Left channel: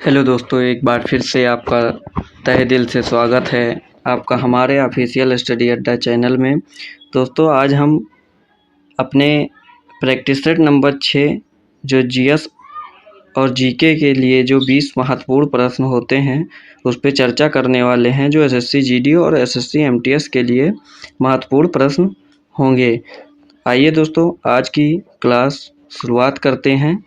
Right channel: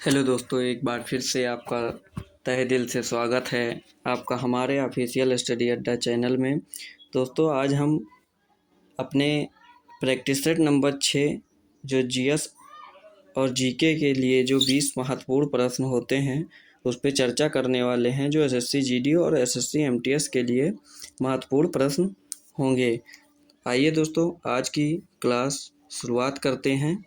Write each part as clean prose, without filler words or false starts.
Hello दोस्तों, एक बार फिर से आपका तहे दिल से स्वागत है आपका हमारे ऑफिशियल स्टडी अड्डा चैनल में। दोस्तों, आज हम अपने प्रैक्टिस सेट नंबर 6 जो जीएस और जीके के लिए जो 20 महत्वपूर्ण प्रश्न होते हैं उस पर चर्चा करने वाले हैं, जो एसएससी जीडी और एसएससी एमटीएस के लिए महत्वपूर्ण प्रश्न होंगे। आइए दोस्तों, आज की क्लास शुरुआत करते हैं।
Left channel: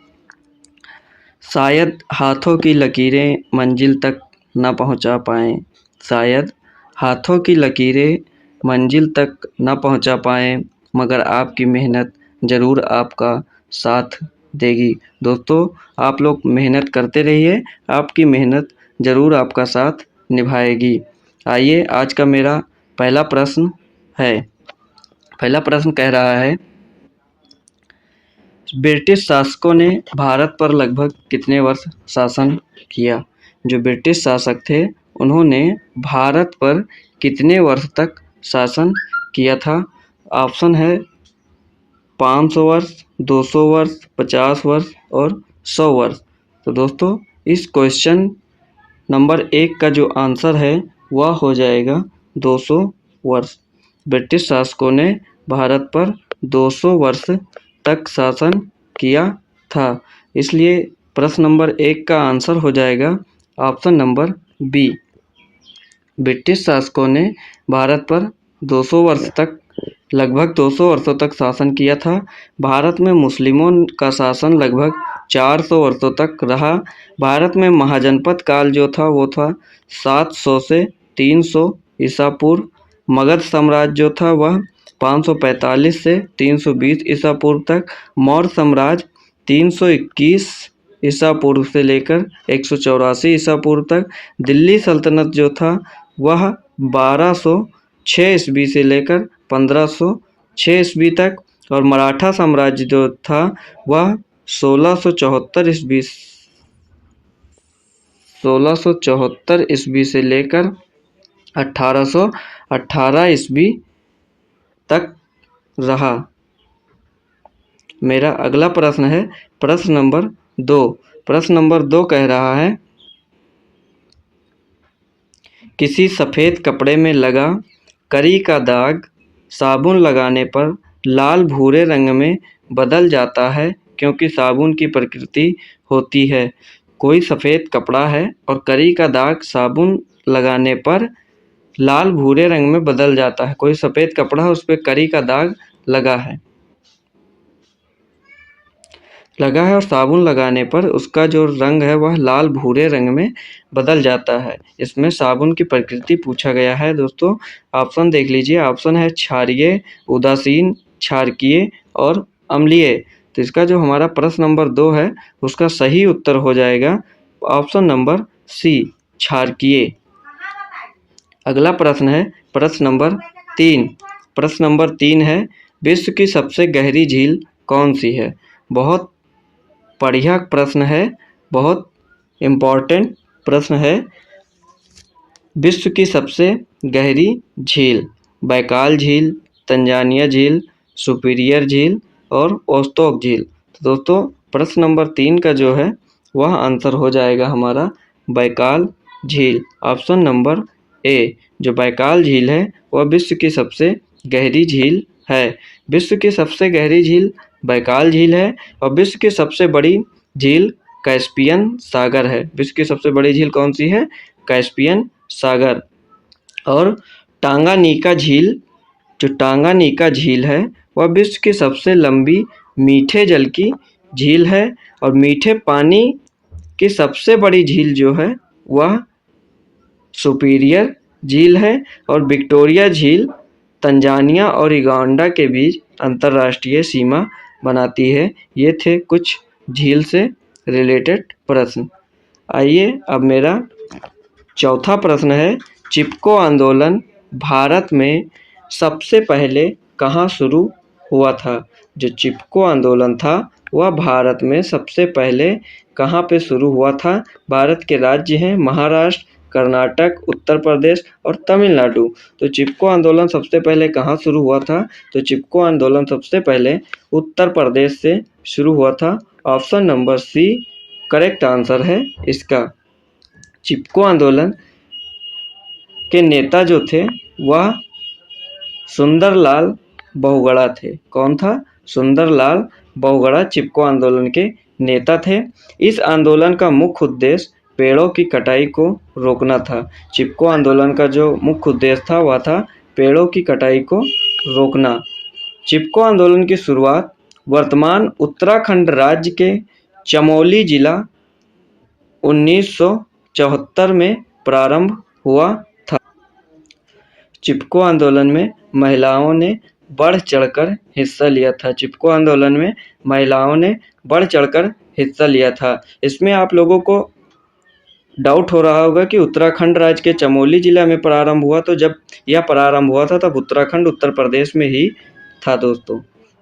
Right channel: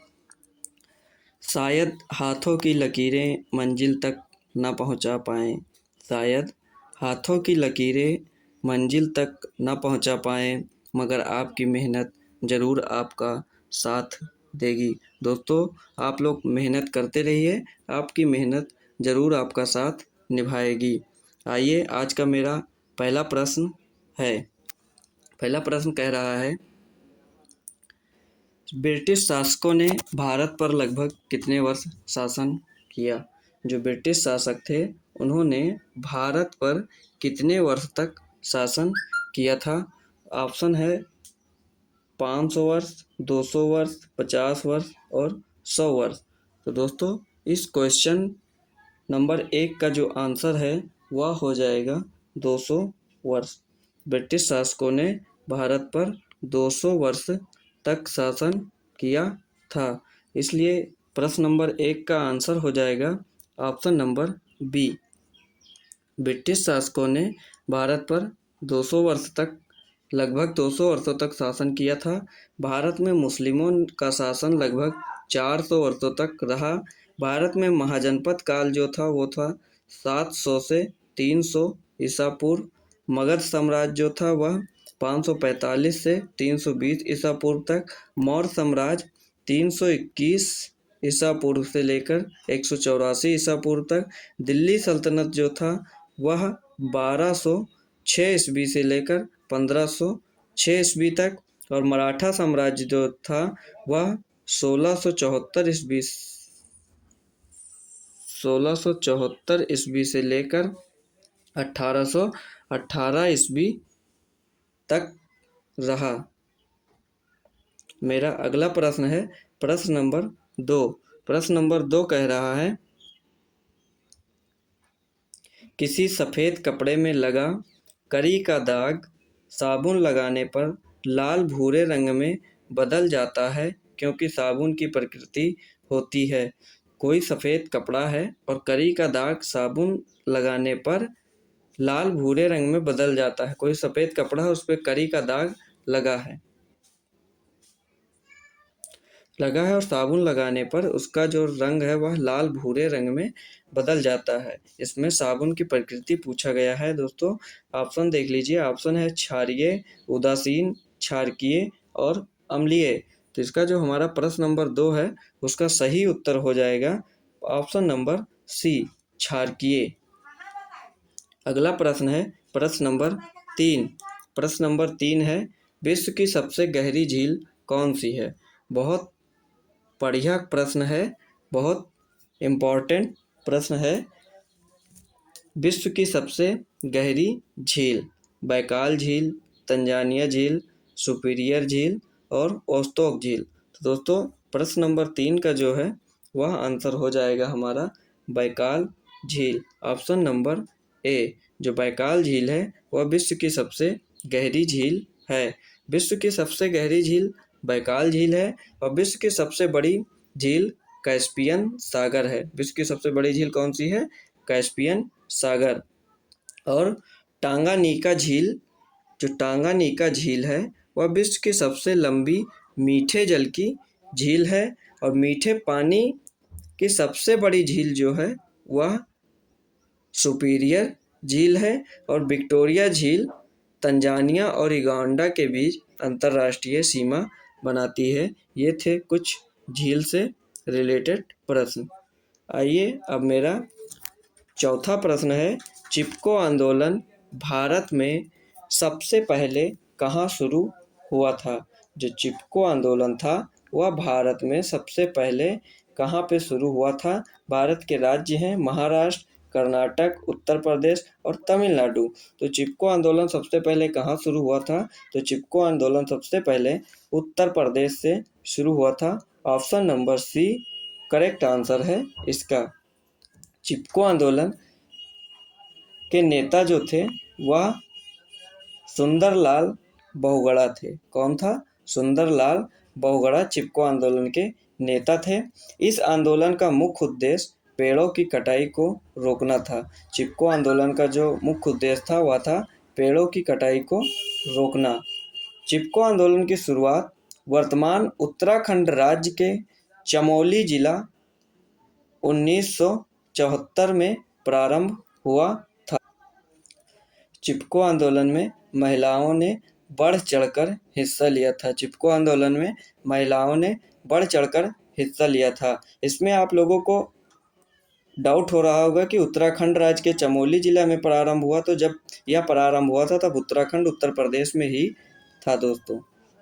शायद हाथों की लकीरें मंजिल तक न पहुंचा पाएं, शायद हाथों की लकीरें मंजिल तक न पहुंचा पाएं, मगर आपकी मेहनत ज़रूर आपका साथ देगी। दोस्तों, आप लोग मेहनत करते रहिए, आपकी मेहनत ज़रूर आपका साथ निभाएगी। आइए, आज का मेरा पहला प्रश्न है। पहला प्रश्न कह रहा है, ब्रिटिश शासकों ने भारत पर लगभग कितने वर्ष शासन किया? जो ब्रिटिश शासक थे उन्होंने भारत पर कितने वर्ष तक शासन किया था? ऑप्शन है 500 वर्ष, 200 वर्ष, 50 वर्ष और 100 वर्ष। तो दोस्तों, इस क्वेश्चन नंबर 1 का जो आंसर है वह हो जाएगा 200 वर्ष। ब्रिटिश शासकों ने भारत पर 200 वर्ष तक शासन किया था, इसलिए प्रश्न नंबर 1 का आंसर हो जाएगा ऑप्शन नंबर बी। ब्रिटिश शासकों ने भारत पर 200 वर्ष तक लगभग 200 वर्षों तक शासन किया था। भारत में मुस्लिमों का शासन लगभग 400 वर्षों तक रहा। भारत में महाजनपद काल जो था वो था 700 से 300 ईसा पूर्व। मगध साम्राज्य जो था वह 545 से 320 ईसा पूर्व तक। मौर्य साम्राज्य 321 ईसा पूर्व से लेकर 184 ईसा पूर्व तक। दिल्ली सल्तनत जो था वह 1206 ईस्वी से लेकर 1506 ईस्वी तक। और मराठा साम्राज्य जो था वह 1674 ईस्वी से लेकर 1818 ईस्वी तक रहा। मेरा अगला प्रश्न है प्रश्न नंबर 2। प्रश्न नंबर 2 कह रहा है, किसी सफ़ेद कपड़े में लगा करी का दाग साबुन लगाने पर लाल भूरे रंग में बदल जाता है, क्योंकि साबुन की प्रकृति होती है। कोई सफ़ेद कपड़ा है और करी का दाग साबुन लगाने पर लाल भूरे रंग में बदल जाता है। कोई सफ़ेद कपड़ा है, उस पर करी का दाग लगा है और साबुन लगाने पर उसका जो रंग है वह लाल भूरे रंग में बदल जाता है। इसमें साबुन की प्रकृति पूछा गया है। दोस्तों, ऑप्शन देख लीजिए। ऑप्शन है क्षारीय, उदासीन, क्षारकीय और अम्लीय। तो इसका जो हमारा प्रश्न नंबर 2 है उसका सही उत्तर हो जाएगा ऑप्शन नंबर सी, क्षारकीय। अगला प्रश्न है प्रश्न नंबर 3। प्रश्न नंबर 3 है, विश्व की सबसे गहरी झील कौन सी है? बहुत बढ़िया प्रश्न है, बहुत इम्पोर्टेंट प्रश्न है। विश्व की सबसे गहरी झील बैकाल झील, तंजानिया झील, सुपीरियर झील और ओस्टोक झील। तो दोस्तों, प्रश्न नंबर 3 का जो है वह आंसर हो जाएगा हमारा बैकाल झील, ऑप्शन नंबर ए। जो बैकाल झील है वह विश्व की सबसे गहरी झील है। विश्व की सबसे गहरी झील बैकाल झील है और विश्व की सबसे बड़ी झील कैस्पियन सागर है। विश्व की सबसे बड़ी झील कौन सी है? कैस्पियन सागर। और टांगानिका झील, जो टांगानिका झील है वह विश्व की सबसे लंबी मीठे जल की झील है और मीठे पानी की सबसे बड़ी झील जो है वह सुपीरियर झील है। और विक्टोरिया झील तंजानिया और युगांडा के बीच अंतर्राष्ट्रीय सीमा बनाती है। ये थे कुछ झील से रिलेटेड प्रश्न। आइए, अब मेरा चौथा प्रश्न है, चिपको आंदोलन भारत में सबसे पहले कहाँ शुरू हुआ था? जो चिपको आंदोलन था वह भारत में सबसे पहले कहाँ पे शुरू हुआ था? भारत के राज्य हैं महाराष्ट्र, कर्नाटक, उत्तर प्रदेश और तमिलनाडु। तो चिपको आंदोलन सबसे पहले कहाँ शुरू हुआ था? तो चिपको आंदोलन सबसे पहले उत्तर प्रदेश से शुरू हुआ था। Option number C correct answer है इसका। चिपको आंदोलन के नेता जो थे वह सुंदरलाल बहुगुणा थे। कौन था? सुंदरलाल बहुगुणा चिपको आंदोलन के नेता थे। इस आंदोलन का मुख्य उद्देश्य पेड़ों की कटाई को रोकना था। चिपको आंदोलन का जो मुख्य उद्देश्य था वह था पेड़ों की कटाई को रोकना। चिपको आंदोलन की शुरुआत वर्तमान उत्तराखंड राज्य के चमोली जिला 1974 में प्रारंभ हुआ था। चिपको आंदोलन में महिलाओं ने बढ़ चढ़कर हिस्सा लिया था। चिपको आंदोलन में महिलाओं ने बढ़ चढ़कर हिस्सा लिया था। इसमें आप लोगों को डाउट हो रहा होगा कि उत्तराखंड राज्य के चमोली जिला में प्रारंभ हुआ, तो जब यह प्रारंभ हुआ था तब उत्तराखंड उत्तर प्रदेश में ही था दोस्तों।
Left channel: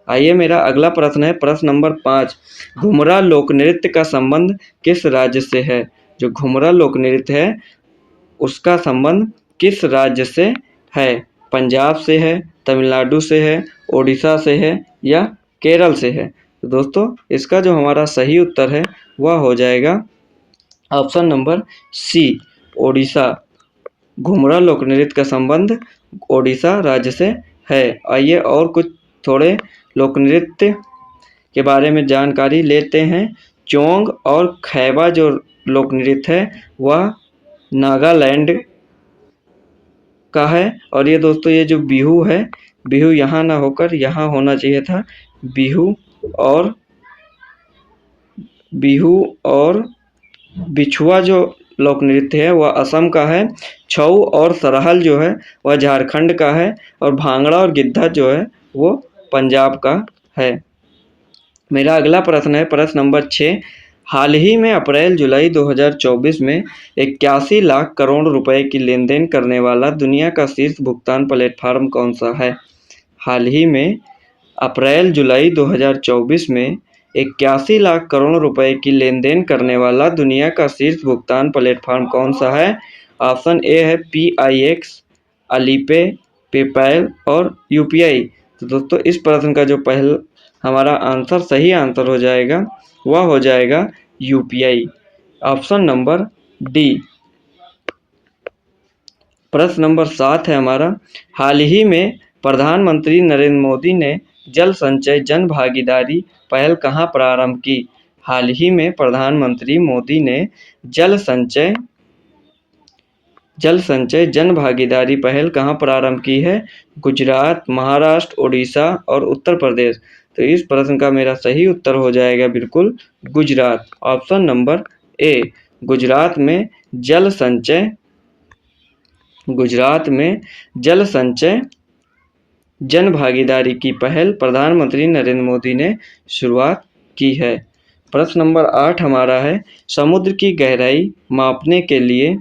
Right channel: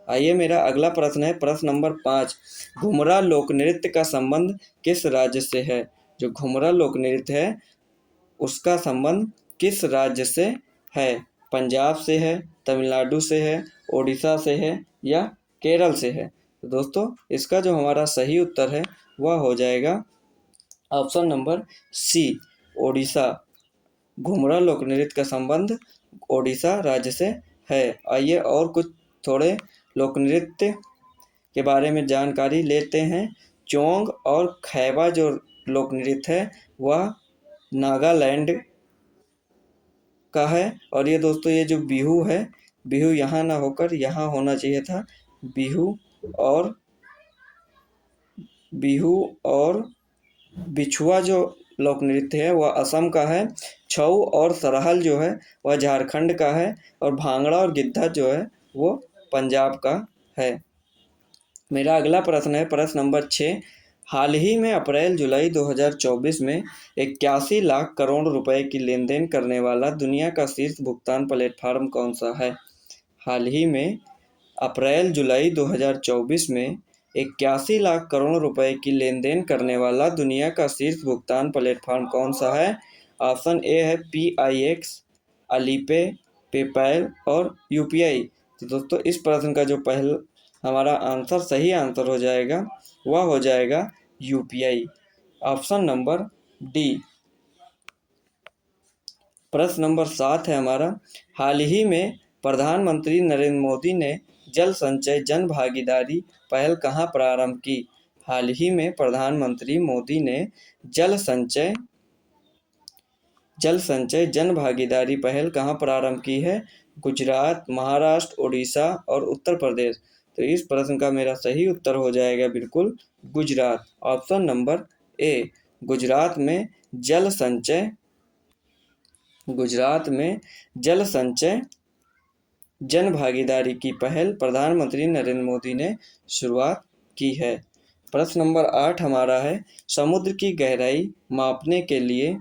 आइए मेरा अगला प्रश्न है, प्रश्न नंबर 5। घुमरा लोक नृत्य का संबंध किस राज्य से है? जो घुमरा लोक नृत्य है उसका संबंध किस राज्य से है? पंजाब से है, तमिलनाडु से है, ओडिशा से है या केरल से है? तो दोस्तों इसका जो हमारा सही उत्तर है वह हो जाएगा ऑप्शन नंबर सी, ओडिशा। घुमरा लोक नृत्य का संबंध ओडिशा राज्य से है। आइए और कुछ थोड़े लोक नृत्य के बारे में जानकारी लेते हैं। चोंग और खैबा जो लोक नृत्य है वह नागालैंड का है। और ये दोस्तों ये जो बिहू है, बिहू यहाँ ना होकर यहाँ होना चाहिए था। बिहू और बिछुआ जो लोक नृत्य है वह असम का है। छऊ और सरहल जो है वह झारखंड का है। और भांगड़ा और गिद्धा जो है वो पंजाब का है। मेरा अगला प्रश्न है, प्रश्न नंबर 6। हाल ही में अप्रैल जुलाई 2024 में 81 लाख करोड़ रुपए की लेन देन करने वाला दुनिया का शीर्ष भुगतान प्लेटफॉर्म कौन सा है? हाल ही में अप्रैल जुलाई 2024 में 81 लाख करोड़ रुपए की लेन देन करने वाला दुनिया का शीर्ष भुगतान प्लेटफॉर्म कौन सा है? ऑप्शन ए है PIX, अलीपे, पेपैल और UPI। तो दोस्तों इस प्रश्न का जो पहला हमारा आंसर सही आंसर हो जाएगा वह हो जाएगा UPI, ऑप्शन नंबर डी। प्रश्न नंबर 7 है हमारा, हाल ही में प्रधानमंत्री नरेंद्र मोदी ने जल संचय जन भागीदारी पहल कहाँ प्रारंभ की? हाल ही में प्रधानमंत्री मोदी ने जल संचय जन भागीदारी पहल कहाँ प्रारंभ की है? गुजरात, महाराष्ट्र, ओडिशा और उत्तर प्रदेश। तो इस प्रश्न का मेरा सही उत्तर हो जाएगा बिल्कुल गुजरात, ऑप्शन नंबर ए। गुजरात में जल संचय जन भागीदारी की पहल प्रधानमंत्री नरेंद्र मोदी ने शुरुआत की है। प्रश्न नंबर 8 हमारा है, समुद्र की गहराई मापने के लिए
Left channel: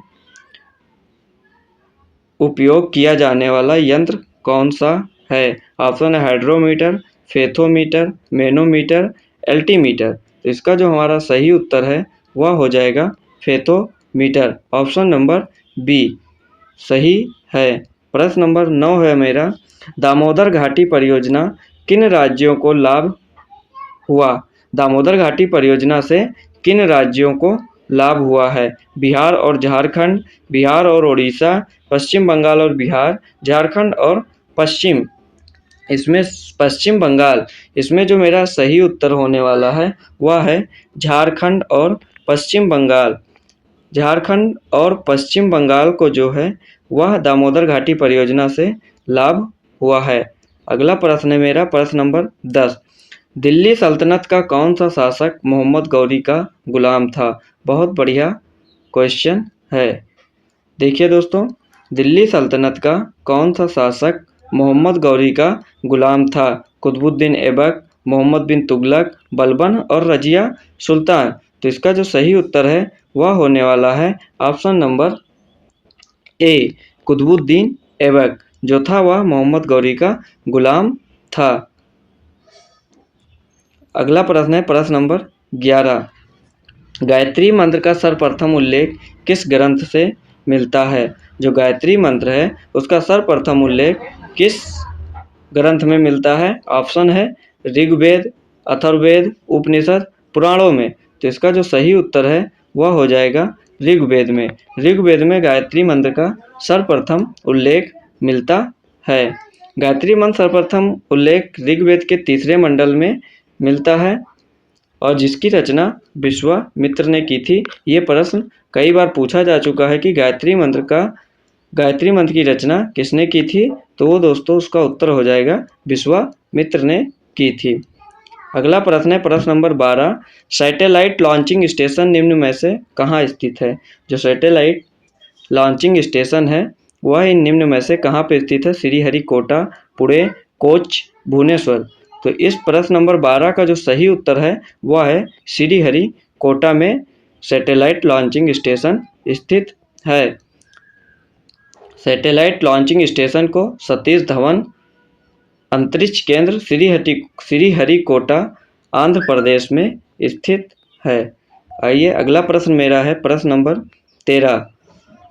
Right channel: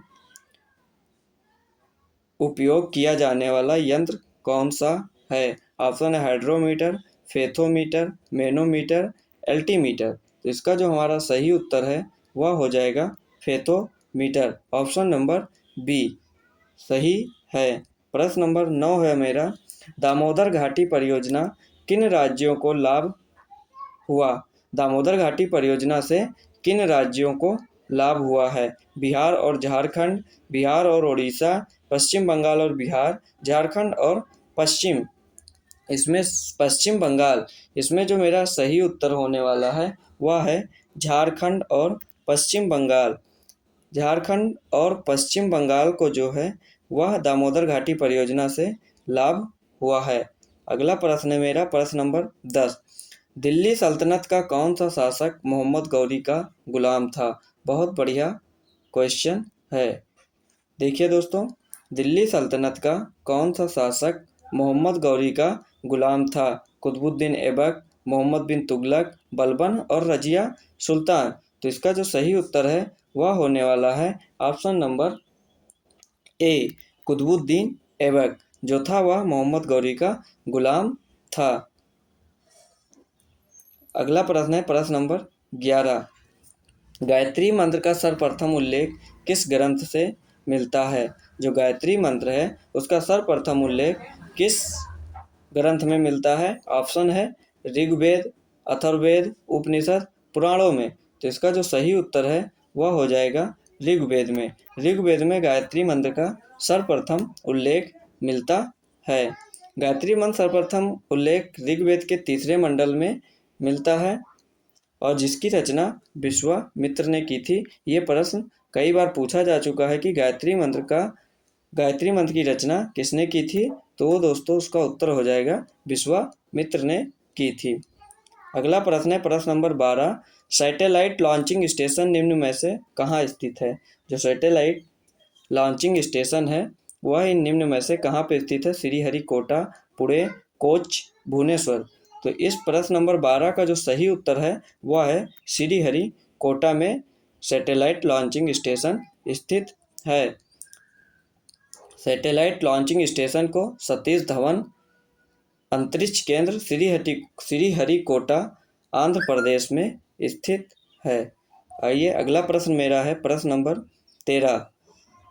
उपयोग किया जाने वाला यंत्र कौन सा है? ऑप्शन है हाइड्रोमीटर, फेथोमीटर, मैनोमीटर, एल्टीमीटर। तो इसका जो हमारा सही उत्तर है वह हो जाएगा फेथोमीटर, ऑप्शन नंबर बी सही है। प्रश्न नंबर 9 है मेरा, दामोदर घाटी परियोजना किन राज्यों को लाभ हुआ? दामोदर घाटी परियोजना से किन राज्यों को लाभ हुआ है? बिहार और झारखंड, बिहार और ओडिशा, पश्चिम बंगाल और बिहार, झारखंड और पश्चिम बंगाल। इसमें जो मेरा सही उत्तर होने वाला है वह है झारखंड और पश्चिम बंगाल। झारखंड और पश्चिम बंगाल को जो है वह दामोदर घाटी परियोजना से लाभ हुआ है। अगला प्रश्न है मेरा, प्रश्न नंबर 10। दिल्ली सल्तनत का कौन सा शासक मोहम्मद गौरी का गुलाम था? बहुत बढ़िया क्वेश्चन है। देखिए दोस्तों, दिल्ली सल्तनत का कौन सा शासक मोहम्मद गौरी का गुलाम था? कुतुबुद्दीन ऐबक, मोहम्मद बिन तुगलक, बलबन और रजिया सुल्तान। तो इसका जो सही उत्तर है वह होने वाला है option number A, Qutubuddin Aibak जो था वह मोहम्मद गौरी का गुलाम था। अगला प्रश्न है, प्रश्न नंबर 11। गायत्री मंत्र का सर्वप्रथम उल्लेख किस ग्रंथ से मिलता है? जो गायत्री मंत्र है उसका सर्वप्रथम उल्लेख किस ग्रंथ में मिलता है? ऑप्शन है ऋग्वेद, अथर्ववेद, उपनिषद, पुराणों में। तो इसका जो सही उत्तर है वह हो जाएगा ऋग्वेद में। ऋग्वेद में गायत्री मंत्र का सर्वप्रथम उल्लेख मिलता है। गायत्री मंत्र सर्वप्रथम उल्लेख ऋग्वेद के 3 मंडल में मिलता है और जिसकी रचना विश्वामित्र ने की थी। ये प्रश्न कई बार पूछा जा चुका है कि गायत्री मंत्र की रचना किसने की थी, तो वो दोस्तों उसका उत्तर हो जाएगा विश्वामित्र ने की थी। अगला प्रश्न है प्रश्न नंबर 12, सैटेलाइट लॉन्चिंग स्टेशन निम्न में से कहाँ स्थित है। जो सैटेलाइट लॉन्चिंग स्टेशन है वह इन निम्न में से कहाँ पे स्थित है। श्रीहरिकोटा, पुणे, कोच्चि, भुवनेश्वर। तो इस प्रश्न नंबर 12 का जो सही उत्तर है वह है श्रीहरिकोटा में सैटेलाइट लॉन्चिंग स्टेशन स्थित है। सैटेलाइट लॉन्चिंग स्टेशन को सतीश धवन अंतरिक्ष केंद्र श्रीहरिकोटा आंध्र प्रदेश में स्थित है। आइए अगला प्रश्न मेरा है प्रश्न नंबर 13,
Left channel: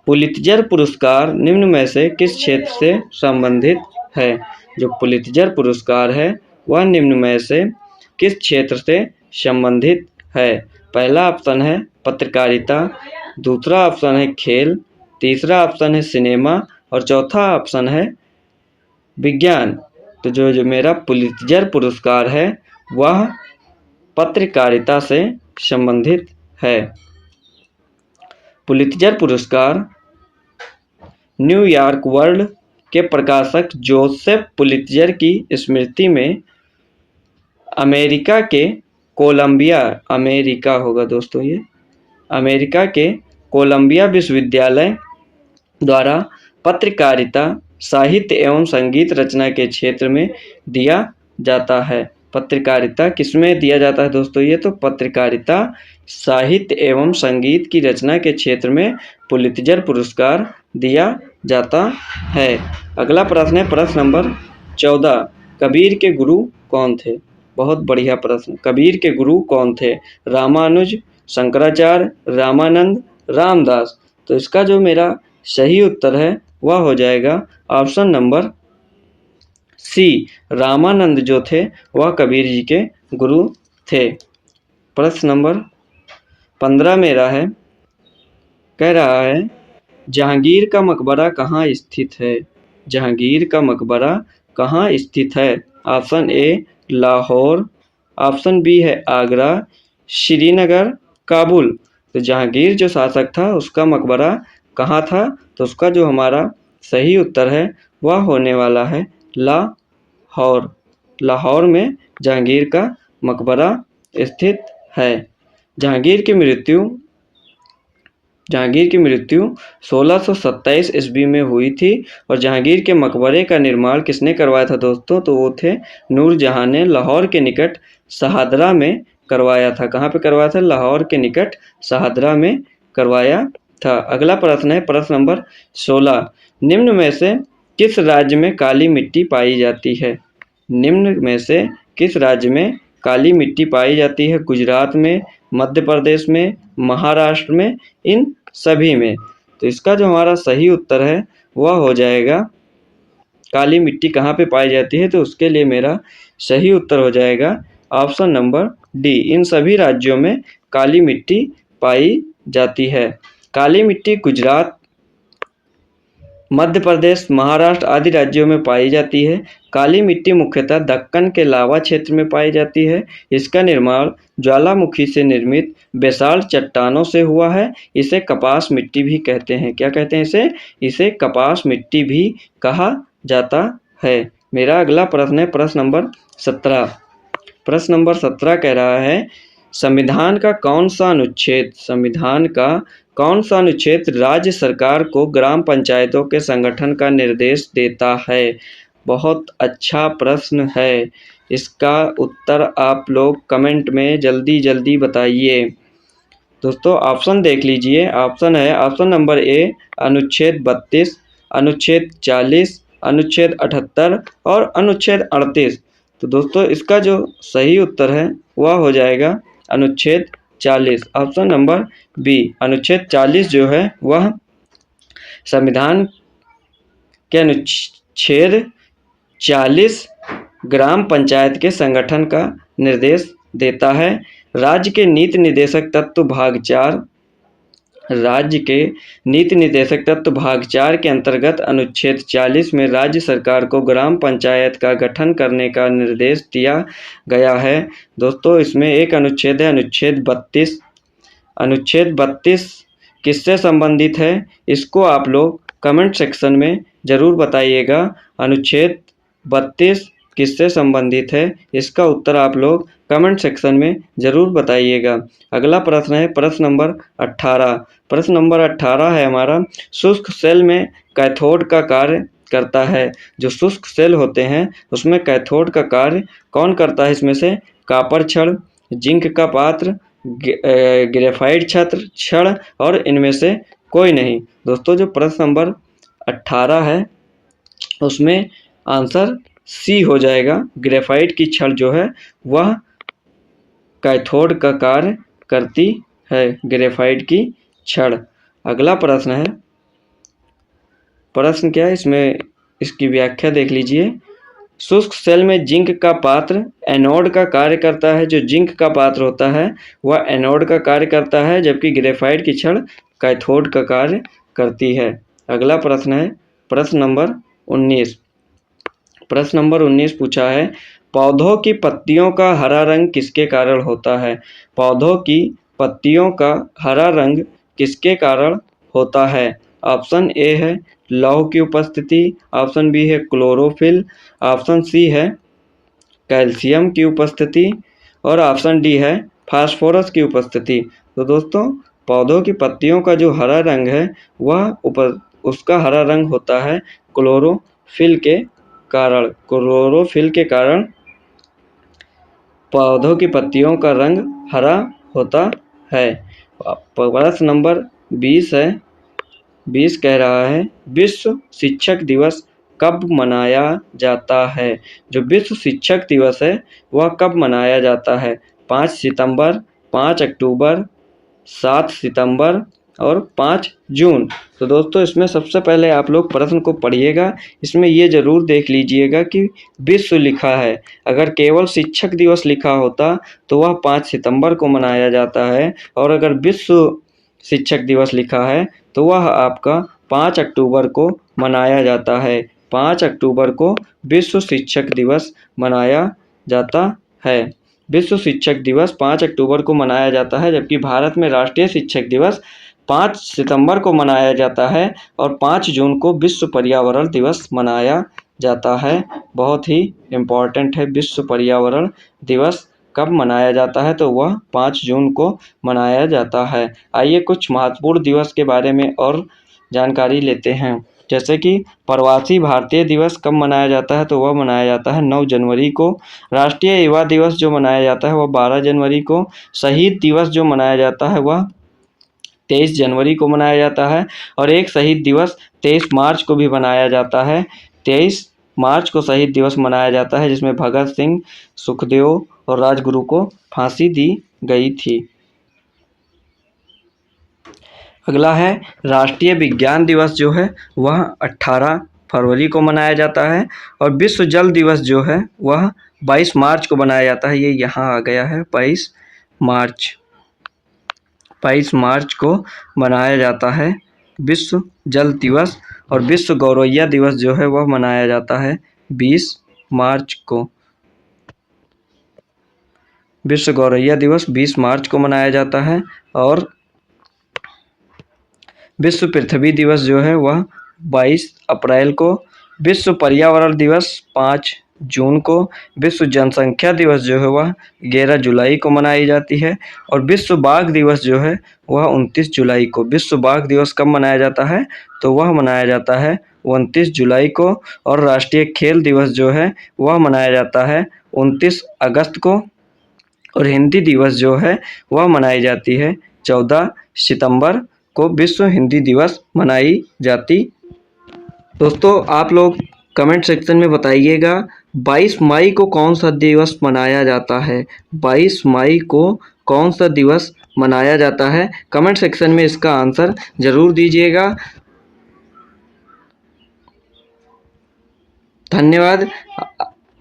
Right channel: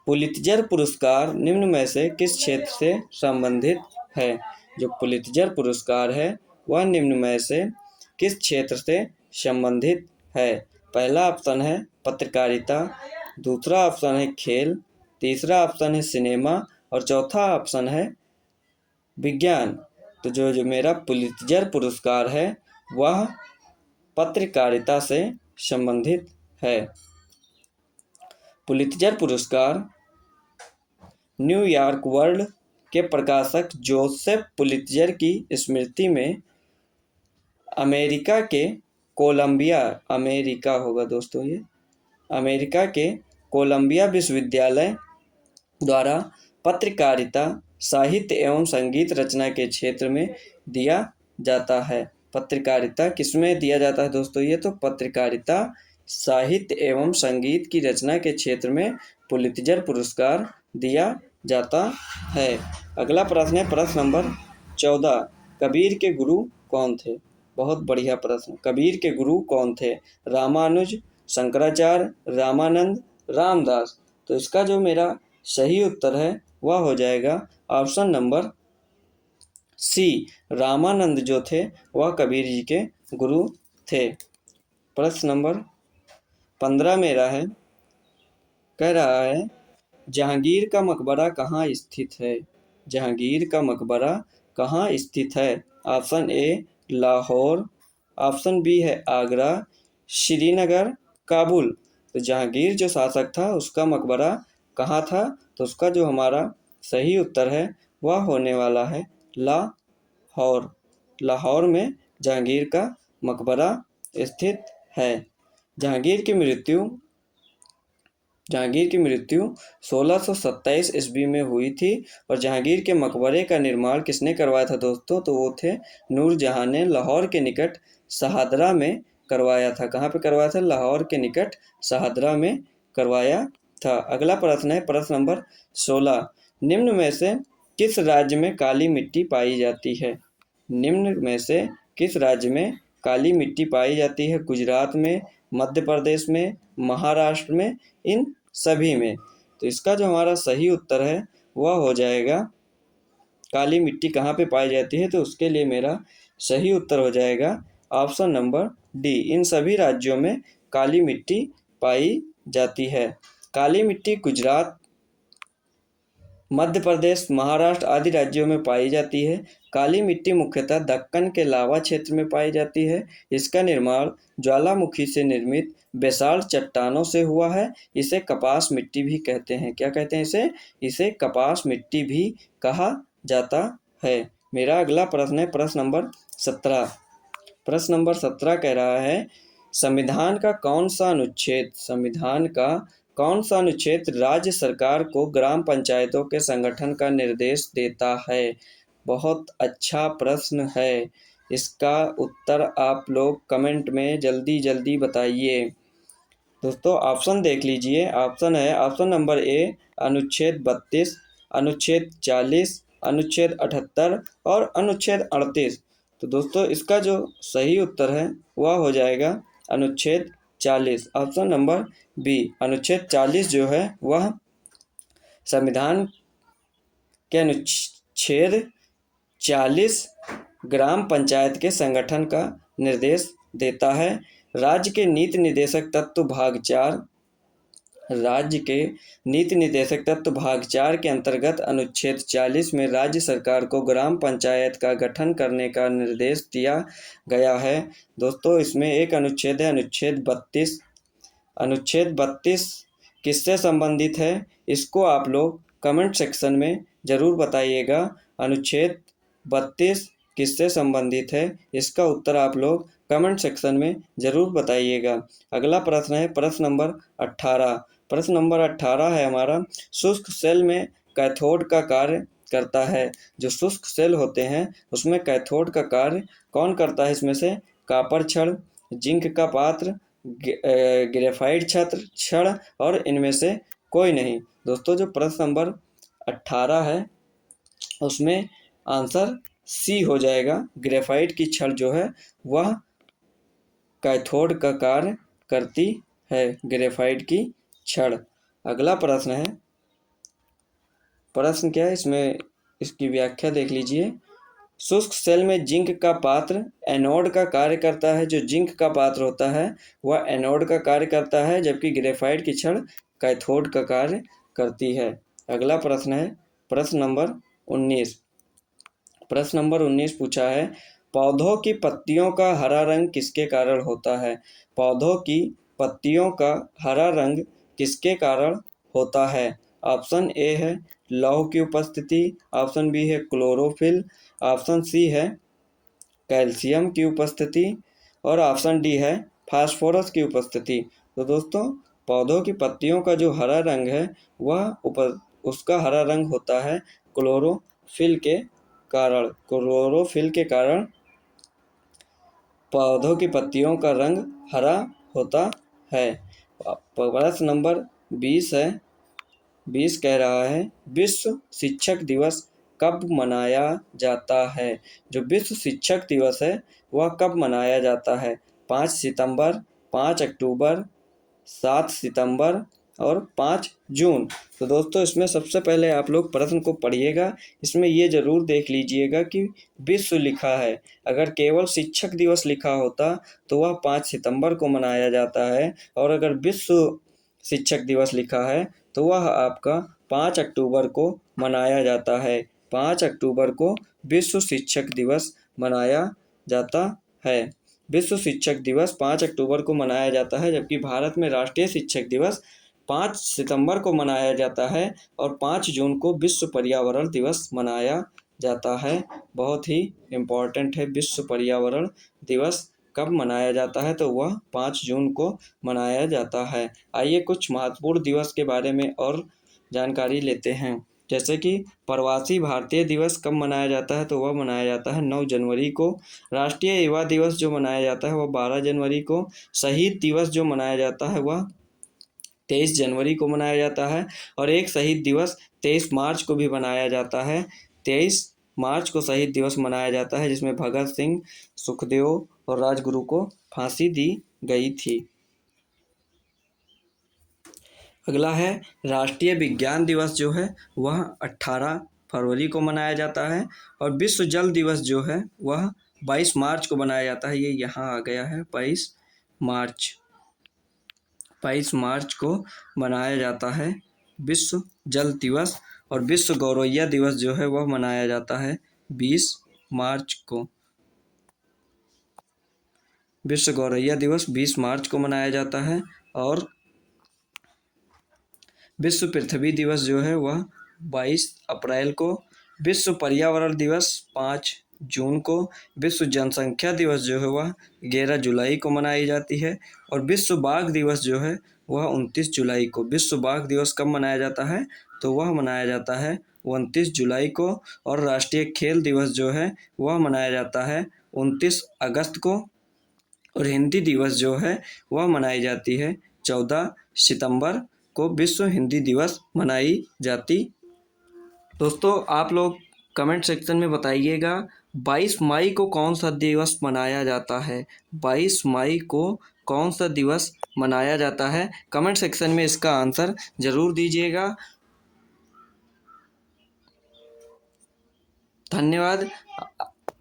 पुलित्जर पुरस्कार निम्न में से किस क्षेत्र से संबंधित है। जो पुलित्जर पुरस्कार है वह निम्न में से किस क्षेत्र से संबंधित है। पहला ऑप्शन है पत्रकारिता, दूसरा ऑप्शन है खेल, तीसरा ऑप्शन है सिनेमा और चौथा ऑप्शन है विज्ञान। तो जो मेरा पुलित्जर पुरस्कार है वह पत्रकारिता से संबंधित है। पुलित्जर पुरस्कार न्यूयॉर्क वर्ल्ड के प्रकाशक जोसेफ पुलित्जर की स्मृति में अमेरिका के कोलंबिया विश्वविद्यालय द्वारा पत्रकारिता, साहित्य एवं संगीत रचना के क्षेत्र में दिया जाता है। पत्रकारिता किसमें दिया जाता है दोस्तों, ये तो पत्रकारिता, साहित्य एवं संगीत की रचना के क्षेत्र में पुलित्जर पुरस्कार दिया जाता है। अगला प्रश्न है प्रश्न नंबर 14, कबीर के गुरु कौन थे। बहुत बढ़िया प्रश्न। कबीर के गुरु कौन थे। रामानुज, शंकराचार्य, रामानंद, रामदास। तो इसका जो मेरा सही उत्तर है वह हो जाएगा ऑप्शन नंबर सी, रामानंद जो थे वह कबीर जी के गुरु थे। प्रश्न नंबर 15 मेरा है, कह रहा है जहांगीर का मकबरा कहाँ स्थित है। जहांगीर का मकबरा कहाँ स्थित है। Option A Lahore, option B है आगरा, श्रीनगर, काबुल। तो जहांगीर जो शासक था उसका मकबरा कहाँ था, तो उसका जो हमारा सही उत्तर है वह होने वाला है लाहौर। लाहौर में जहांगीर का मकबरा स्थित है। जहांगीर की मृत्यु 1627 ईस्वी में हुई थी और जहांगीर के मकबरे का निर्माण किसने करवाया था दोस्तों, तो वो थे नूरजहां ने लाहौर के निकट शहादरा में करवाया था। कहाँ पे करवाया था, लाहौर के निकट शहादरा में करवाया था। अगला प्रश्न है प्रश्न नंबर 16, निम्न में से किस राज्य में काली मिट्टी पाई जाती है। निम्न में से किस राज्य में काली मिट्टी पाई जाती है। गुजरात में, मध्य प्रदेश में, महाराष्ट्र में, इन सभी में। तो इसका जो हमारा सही उत्तर है वह हो जाएगा, काली मिट्टी कहाँ पे पाई जाती है, तो उसके लिए मेरा सही उत्तर हो जाएगा ऑप्शन नंबर डी, इन सभी राज्यों में काली मिट्टी पाई जाती है। काली मिट्टी गुजरात, मध्य प्रदेश, महाराष्ट्र आदि राज्यों में पाई जाती है। काली मिट्टी मुख्यतः दक्कन के लावा क्षेत्र में पाई जाती है। इसका निर्माण ज्वालामुखी से निर्मित बेसाल्ट चट्टानों से हुआ है। इसे कपास मिट्टी भी कहते हैं। क्या कहते हैं इसे कपास मिट्टी भी कहा जाता है। मेरा अगला प्रश्न है प्रश्न नंबर 17। प्रश्न नंबर 17 कह रहा है संविधान का कौन सा अनुच्छेद राज्य सरकार को ग्राम पंचायतों के संगठन का निर्देश देता है। बहुत अच्छा प्रश्न है। इसका उत्तर आप लोग कमेंट में जल्दी बताइए। दोस्तों ऑप्शन देख लीजिए। ऑप्शन है ऑप्शन नंबर ए अनुच्छेद 32, अनुच्छेद 40, अनुच्छेद 78 और अनुच्छेद 38। तो दोस्तों इसका जो सही उत्तर है वह हो जाएगा अनुच्छेद 40, ऑप्शन नंबर बी। अनुच्छेद 40 जो है वह संविधान के अनुच्छेद 40 ग्राम पंचायत के संगठन का निर्देश देता है। राज्य के नीति निर्देशक तत्व भाग 4 राज्य के नीति निर्देशक तत्व भाग 4 के अंतर्गत अनुच्छेद 40 में राज्य सरकार को ग्राम पंचायत का गठन करने का निर्देश दिया गया है। दोस्तों इसमें एक अनुच्छेद है अनुच्छेद 32। अनुच्छेद 32 किससे संबंधित है, इसको आप लोग कमेंट सेक्शन में ज़रूर बताइएगा। अनुच्छेद 32 किससे संबंधित है, इसका उत्तर आप लोग कमेंट सेक्शन में ज़रूर बताइएगा। अगला प्रश्न है प्रश्न नंबर 18। प्रश्न नंबर 18 है हमारा, शुष्क सेल में कैथोड का कार्य करता है। जो शुष्क सेल होते हैं उसमें कैथोड का कार्य कौन करता है, इसमें से कॉपर छड़, जिंक का पात्र, ग्रेफाइट छड़ और इनमें से कोई नहीं। दोस्तों जो प्रश्न नंबर 18 है उसमें आंसर सी हो जाएगा। ग्रेफाइट की छड़ जो है वह कैथोड का कार्य करती है, ग्रेफाइट की छड़। अगला प्रश्न है, प्रश्न क्या है इसमें, इसकी व्याख्या देख लीजिए। शुष्क सेल में जिंक का पात्र एनोड का कार्य करता है। जो जिंक का पात्र होता है वह एनोड का कार्य करता है, जबकि ग्रेफाइट की छड़ कैथोड का कार्य करती है। अगला प्रश्न है प्रश्न नंबर 19। प्रश्न नंबर 19 पूछा है, पौधों की पत्तियों का हरा रंग किसके कारण होता है। पौधों की पत्तियों का हरा रंग किसके कारण होता है। ऑप्शन ए है लौह की उपस्थिति, ऑप्शन बी है क्लोरोफिल, ऑप्शन सी है कैल्शियम की उपस्थिति और ऑप्शन डी है फास्फोरस की उपस्थिति। तो दोस्तों पौधों की पत्तियों का जो हरा रंग है वह उसका हरा रंग होता है क्लोरोफिल के कारण। क्लोरोफिल के कारण पौधों की पत्तियों का रंग हरा होता है। प्रश्न नंबर 20 है। 20 कह रहा है, विश्व शिक्षक दिवस कब मनाया जाता है। जो विश्व शिक्षक दिवस है वह कब मनाया जाता है। 5 सितंबर, 5 अक्टूबर, 7 सितंबर और 5 जून। तो दोस्तों इसमें सबसे पहले आप लोग प्रश्न को पढ़िएगा। इसमें ये ज़रूर देख लीजिएगा कि विश्व लिखा है। अगर केवल शिक्षक दिवस लिखा होता तो वह 5 सितंबर को मनाया जाता है, और अगर विश्व शिक्षक दिवस लिखा है तो वह आपका 5 अक्टूबर को मनाया जाता है। 5 अक्टूबर को विश्व शिक्षक दिवस मनाया जाता है। विश्व शिक्षक दिवस 5 अक्टूबर को मनाया जाता है, जबकि भारत में राष्ट्रीय शिक्षक दिवस 5 सितंबर को मनाया जाता है और 5 जून को विश्व पर्यावरण दिवस मनाया जाता है। बहुत ही इम्पॉर्टेंट है, विश्व पर्यावरण दिवस कब मनाया जाता है तो वह 5 जून को मनाया जाता है। आइए कुछ महत्वपूर्ण दिवस के बारे में और जानकारी लेते हैं। जैसे कि प्रवासी भारतीय दिवस कब मनाया जाता है तो वह मनाया जाता है 9 जनवरी को। राष्ट्रीय युवा दिवस जो मनाया जाता है वह 12 जनवरी को। शहीद दिवस जो मनाया जाता है वह 23 जनवरी को मनाया जाता है। और एक शहीद दिवस 23 मार्च को भी मनाया जाता है। 23 मार्च को शहीद दिवस मनाया जाता है, जिसमें भगत सिंह, सुखदेव और राजगुरु को फांसी दी गई थी। अगला है राष्ट्रीय विज्ञान दिवस जो है वह 18 फरवरी को मनाया जाता है। और विश्व जल दिवस जो है वह 22 मार्च को मनाया जाता है। ये यहाँ आ गया है 22 मार्च को मनाया जाता है विश्व जल दिवस। और विश्व गौरैया दिवस जो है वह मनाया जाता है 20 मार्च को। विश्व गौरैया दिवस 20 मार्च को मनाया जाता है। और विश्व पृथ्वी दिवस जो है वह 22 अप्रैल को। विश्व पर्यावरण दिवस 5 जून को। विश्व जनसंख्या दिवस जो है वह 11 जुलाई को मनाई जाती है। और विश्व बाघ दिवस जो है वह 29 जुलाई को। विश्व बाघ दिवस कब मनाया जाता है तो वह मनाया जाता है 29 जुलाई को। और राष्ट्रीय खेल दिवस जो है वह मनाया जाता है 29 अगस्त को। और हिंदी दिवस जो है वह मनाई जाती है 14 सितंबर को। विश्व हिंदी दिवस मनाई जाती। दोस्तों आप लोग कमेंट सेक्शन में बताइएगा 22 मई को कौन सा दिवस मनाया जाता है। 22 मई को कौन सा दिवस मनाया जाता है, कमेंट सेक्शन में इसका आंसर ज़रूर दीजिएगा। धन्यवाद।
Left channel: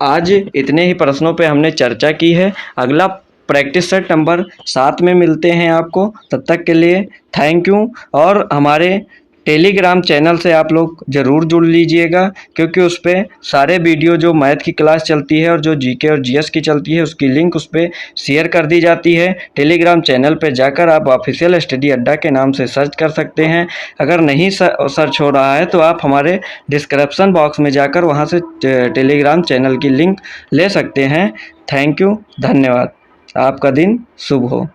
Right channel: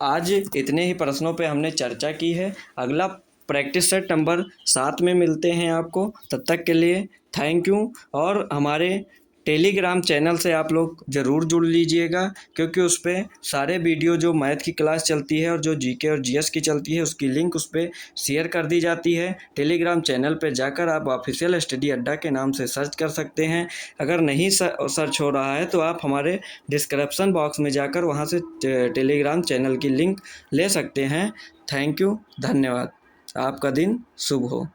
आज इतने ही प्रश्नों पे हमने चर्चा की है। अगला प्रैक्टिस सेट नंबर 7 में मिलते हैं आपको। तब तक के लिए थैंक यू। और हमारे टेलीग्राम चैनल से आप लोग ज़रूर जुड़ लीजिएगा, क्योंकि उस पे सारे वीडियो जो मैथ की क्लास चलती है और जो जीके और जीएस की चलती है उसकी लिंक उस पे शेयर कर दी जाती है। टेलीग्राम चैनल पे जाकर आप ऑफिशियल स्टडी अड्डा के नाम से सर्च कर सकते हैं। अगर नहीं सर्च हो रहा है तो आप हमारे डिस्क्रिप्शन बॉक्स में जाकर वहाँ से टेलीग्राम चैनल की लिंक ले सकते हैं। थैंक यू, धन्यवाद। आपका दिन शुभ हो।